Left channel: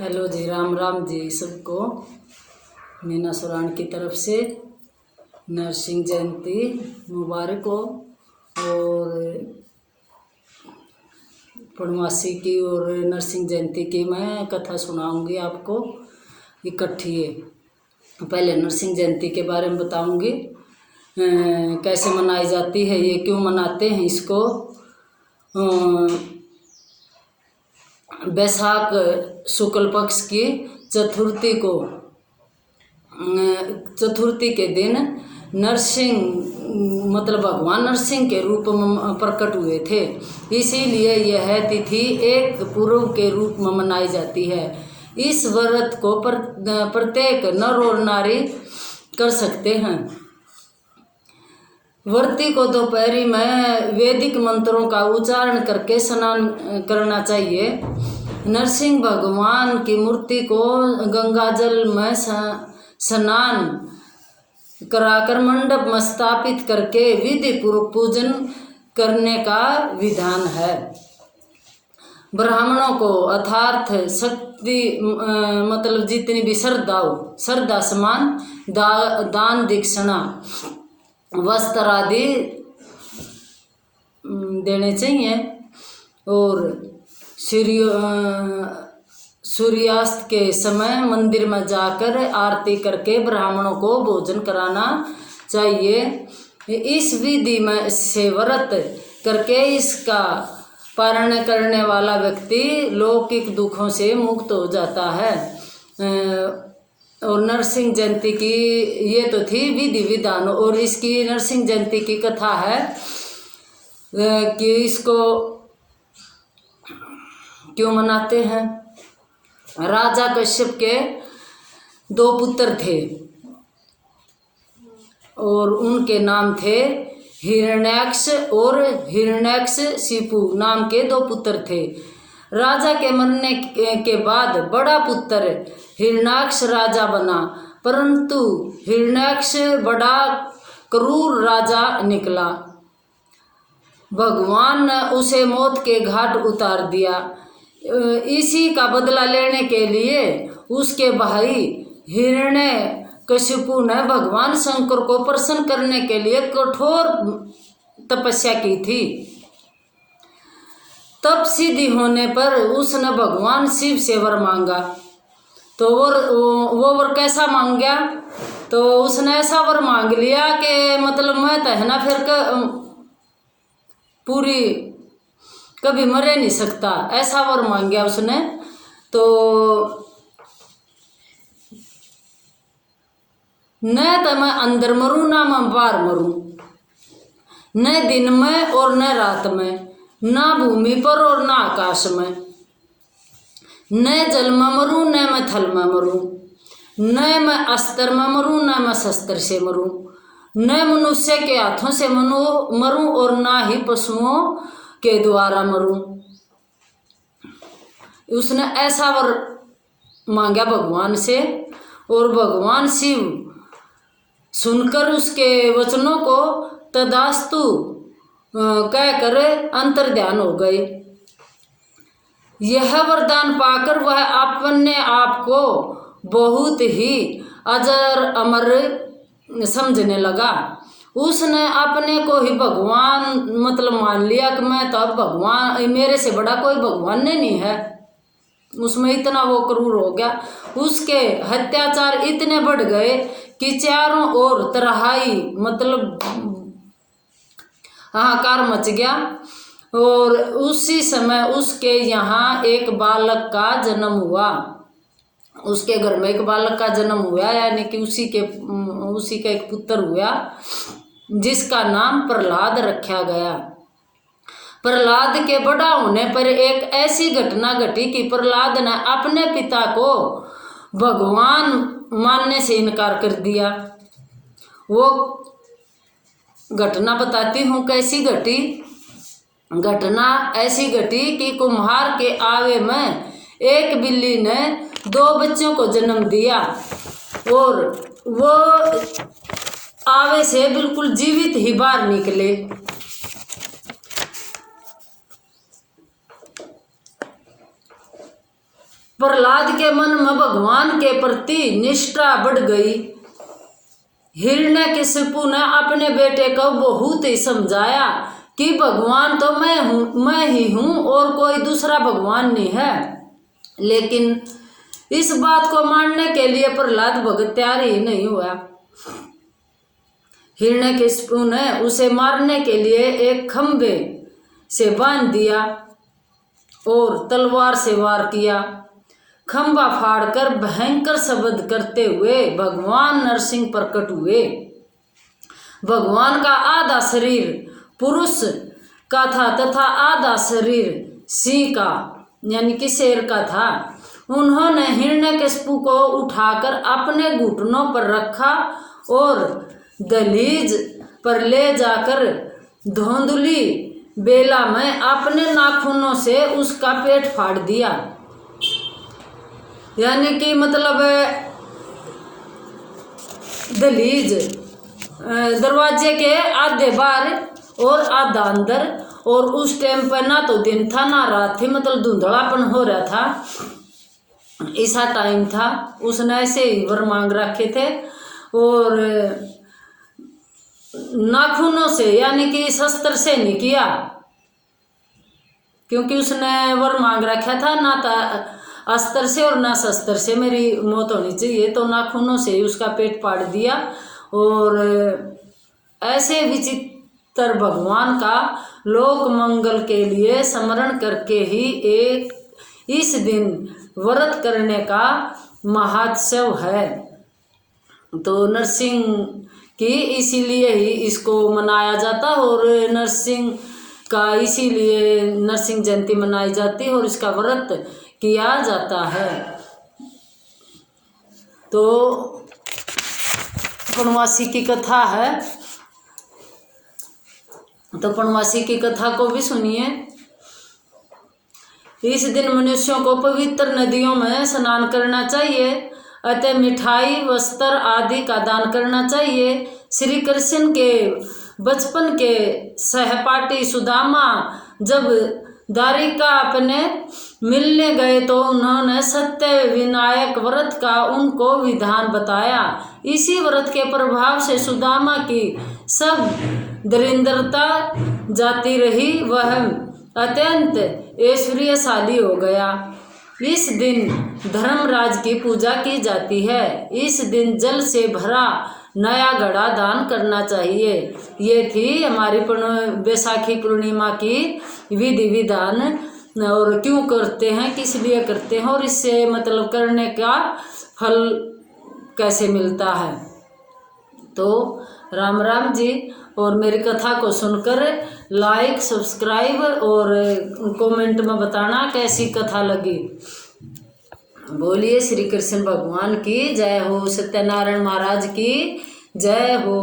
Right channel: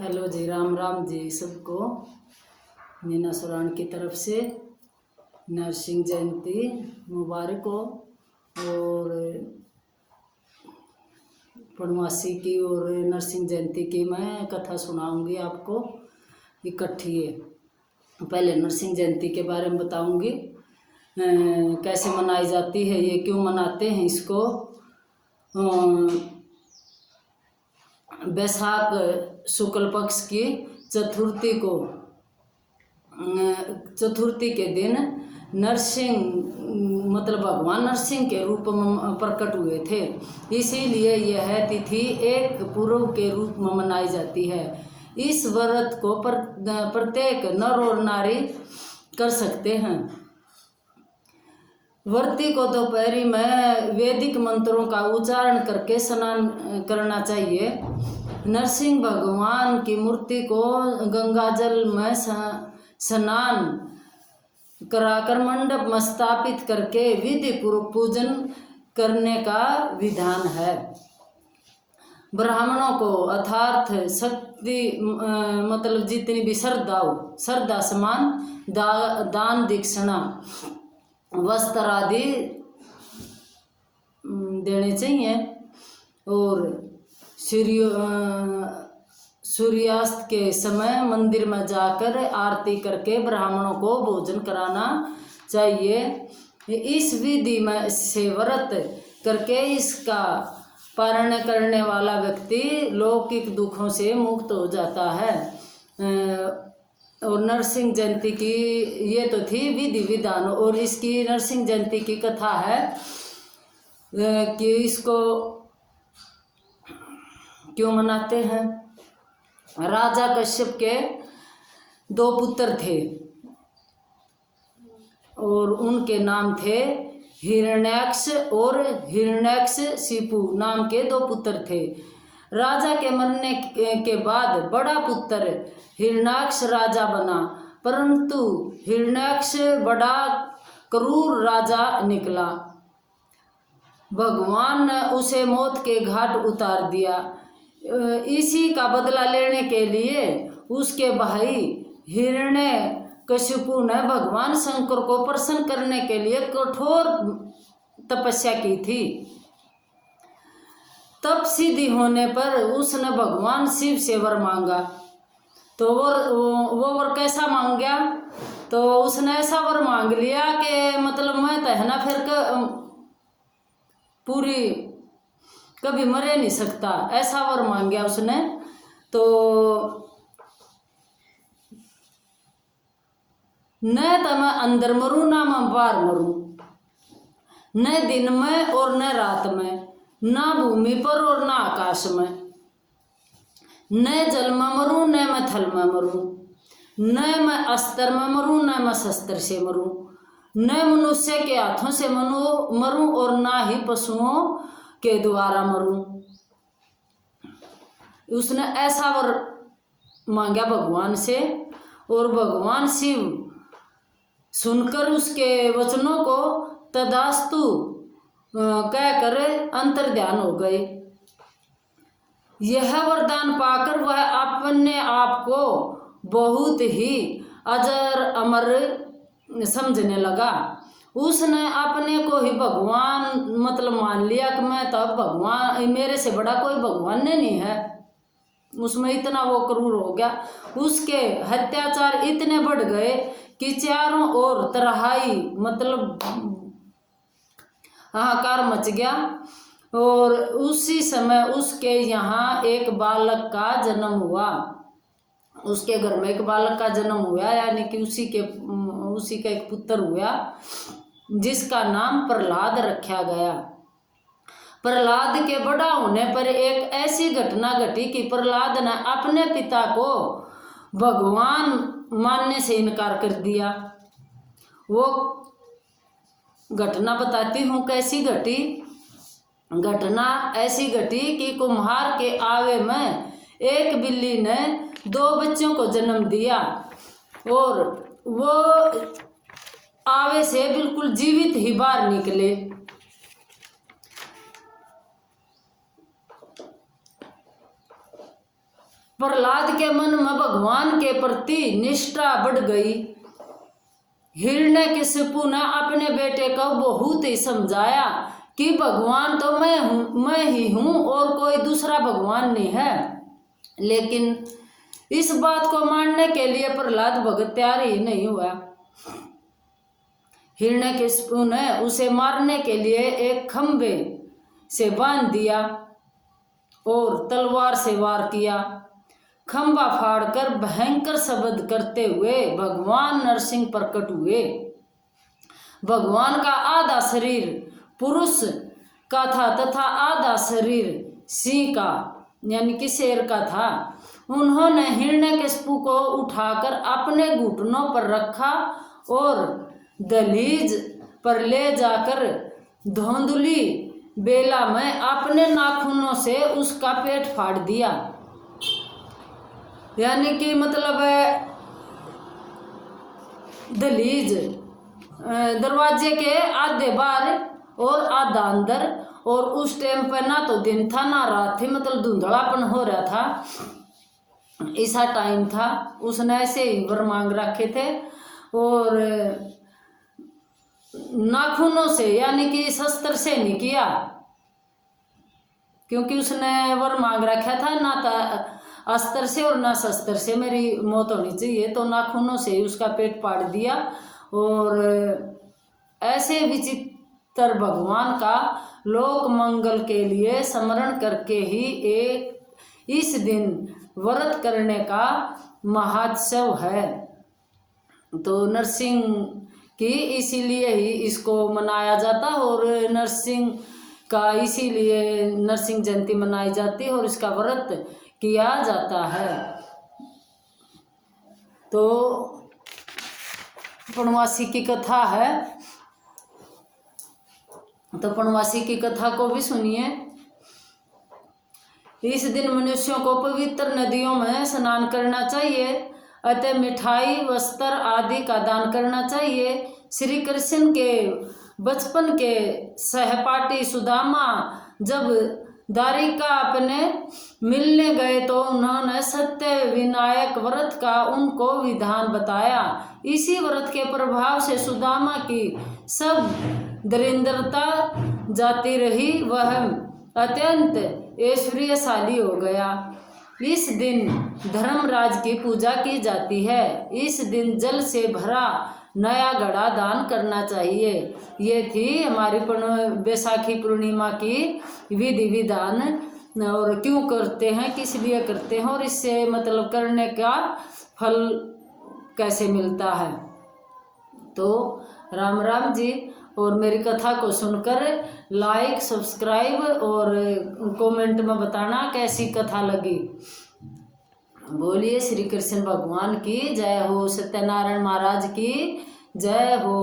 Hello जी, राम राम जी सबको। मीना सुरान की तरफ से नरसिंह जयंती मुबारक हो। और पूर्णमासी की और नरसिंह जयंती की मैं कथा सुनाऊंगी आपको इकट्ठी है। पहले नरसिंह जयंती के बारे में बताऊंगी, कैसे मनाई जाती है, ये क्यों मनाते हैं इसको। बैसाख शुक्ल पक्ष की चतुर्थी को, चतुर्थी के दिन नरसिंह मतलब भगवान नरसिंह के रूप में प्रकट हुए थे। इसीलिए यह तिथि एक पूर्व के रूप में मनाई जाती है। इस व्रत को प्रत्येक नर और नारी कर सकते हैं। व्रती को दोपहरी में वैदिक मंत्रों का उच्चारण करके स्नान करना चाहिए। नरसिंह भगवान की मूर्ति को गंगाजल में स्नान कराकर मंडप में स्थापित करके विधि पूर्वक पूजन करने का विधान है। ब्राह्मणों को अर्थात शक्ति मतलब जितनी भी श्रद्धा समान दान दक्षिणा वस्त्र आदि देने चाहिए। और सूर्यास्त के समय मंदिर में जाकर आरती करके ब्राह्मणों को भोजन कराना चाहिए। इस विधि में से व्रत करके इसका पारण करने वाला व्यक्ति लौकिक दुखों से मुक्त हो जाता है। और नरसिंह जयंती की ये तो थी विधि विधान। और इसकी नरसिंह जयंती की कथा है कि इसको क्यों मनाते हैं। राजा कश्यप के 2 पुत्र थे और उनके नाम थे हिरण्याक्ष और हिरण्यकशिपु नाम के 2 पुत्र थे। राजा के मरने के बाद बड़ा पुत्र हिरण्याक्ष राजा बना, परंतु हिरण्याक्ष बड़ा क्रूर राजा निकला। भगवान ने उसे मौत के घाट उतार दिया। इसी का बदला लेने के लिए उसके भाई हिरण्यकशिपु ने भगवान शंकर को प्रसन्न करने के लिए कठोर तपस्या की थी। तप सिद्धि होने पर उसने भगवान शिव से वर मांगा। तो वो वर कैसा मांग गया, तो उसने ऐसा वर मांग लिया कि मतलब मैं तो है ना फिर पूरी कभी मरे नहीं सकता, ऐसा वर मांग गया उसने। तो न तो मैं अंदर मरूं ना मैं बाहर मरूं, न दिन में और न रात में, ना भूमि पर और ना आकाश में, न जल में मरूं न मैं थल में मरूं, न मैं अस्त्र में मरूं न मैं शस्त्र से मरूं, न मनुष्य के हाथों से मरूं और ना ही पशुओं के द्वारा मरूं। उसने ऐसा वर मांगा भगवान से। और भगवान शिव सुनकर उसके वचनों को तदास्तु कहकर अंतर्ध्यान हो गए। यह वरदान पाकर वह अपने आप को बहुत ही अजर अमर समझने लगा। उसने अपने को ही भगवान मतलब मान लिया कि मैं तो अब भगवान, मेरे से बड़ा कोई भगवान नहीं है। उसमें इतना वो क्रूर हो गया। उसके अत्याचार इतने बढ़ गए कि चारों ओर तराई मतलब हाहाकार मच गया। और उसी समय उसके यहाँ एक बालक का जन्म हुआ। उसके घर में एक बालक का जन्म हुआ, यानी कि उसी का एक पुत्र हुआ जिसका नाम प्रहलाद रखा गया। प्रहलाद के बड़ा होने पर एक ऐसी घटना घटी कि प्रहलाद ने अपने पिता को भगवान मानने से इनकार कर दिया। वो घटना बताती हूँ कैसी घटी। घटना ऐसी घटी कि कुम्हार के आवे में एक बिल्ली ने 2 बच्चों को जन्म दिया और वो आवे से बिल्कुल जीवित ही बाहर निकले। प्रहलाद के मन में भगवान के प्रति निष्ठा बढ़ गई। हिरण्यकशिपु ने अपने बेटे को बहुत ही समझाया कि भगवान तो मैं ही हूँ और कोई दूसरा भगवान नहीं है। लेकिन इस बात को मानने के लिए प्रहलाद भगत तैयार ही नहीं हुआ। हिरण्यकशिपु ने उसे मारने के लिए एक खंभे से बांध दिया और तलवार से वार किया। खंभा फाड़कर भयंकर शब्द करते हुए भगवान नरसिंह प्रकट हुए। भगवान का आधा शरीर पुरुष का था तथा आधा शरीर सिंह का यानी कि शेर का था। उन्होंने हिरण्यकशिपु को उठाकर अपने घुटनों पर रखा और दहलीज पर ले जाकर धुंधली बेला में अपने नाखूनों से उसका पेट फाड़ दिया। यानी कि मतलब दहलीज दरवाजे के आधे बाहर और आधा अंदर, और उस टाइम पर ना तो दिन था ना रात थी, मतलब धुंधलापन हो रहा था, ऐसा टाइम था। उसने ऐसे ही वर मांग रखे थे और नाखूनों से यानी कि शस्त्र से नहीं किया, क्योंकि उसने वर मांग रखा था ना था अस्त्र से और ना शस्त्र से मेरी मौत होनी चाहिए, तो नाखूनों से ही उसका पेट फाड़ दिया। और ऐसे विचित्र भगवान का लोक मंगल के लिए स्मरण करके ही एक इस दिन व्रत करने का महोत्सव है। तो नरसिंह की इसीलिए ही इसको मनाया जाता और नरसिंह का इसीलिए नरसिंह जयंती मनाई जाती है और इसका व्रत किया जाता है। तो पूर्णवासी की कथा है, तो पूर्णवासी की कथा को भी सुनिए। इस दिन मनुष्यों को पवित्र नदियों में स्नान करना चाहिए, अतः मिठाई वस्त्र आदि का दान करना चाहिए। श्री कृष्ण के बचपन के सहपाठी सुदामा जब द्वारिका अपने मिलने गए तो उन्होंने सत्य विनायक व्रत का उनको विधान बताया। इसी व्रत के प्रभाव से सुदामा की सब दरिद्रता जाती रही, वह अत्यंत ऐश्वर्यशाली हो गया। इस दिन धर्मराज की पूजा की जाती है। इस दिन जल से भरा नया घड़ा दान करना चाहिए। ये थी हमारी बैसाखी पूर्णिमा की विधि विधान, और क्यों करते हैं, किस लिए करते हैं और इससे मतलब करने का फल कैसे मिलता है। तो राम राम जी, और मेरी कथा को सुनकर लाइक सब्सक्राइब और कमेंट में बताना कैसी कथा लगी। बोलिए श्री कृष्ण भगवान की जय हो, सत्यनारायण महाराज की जय हो।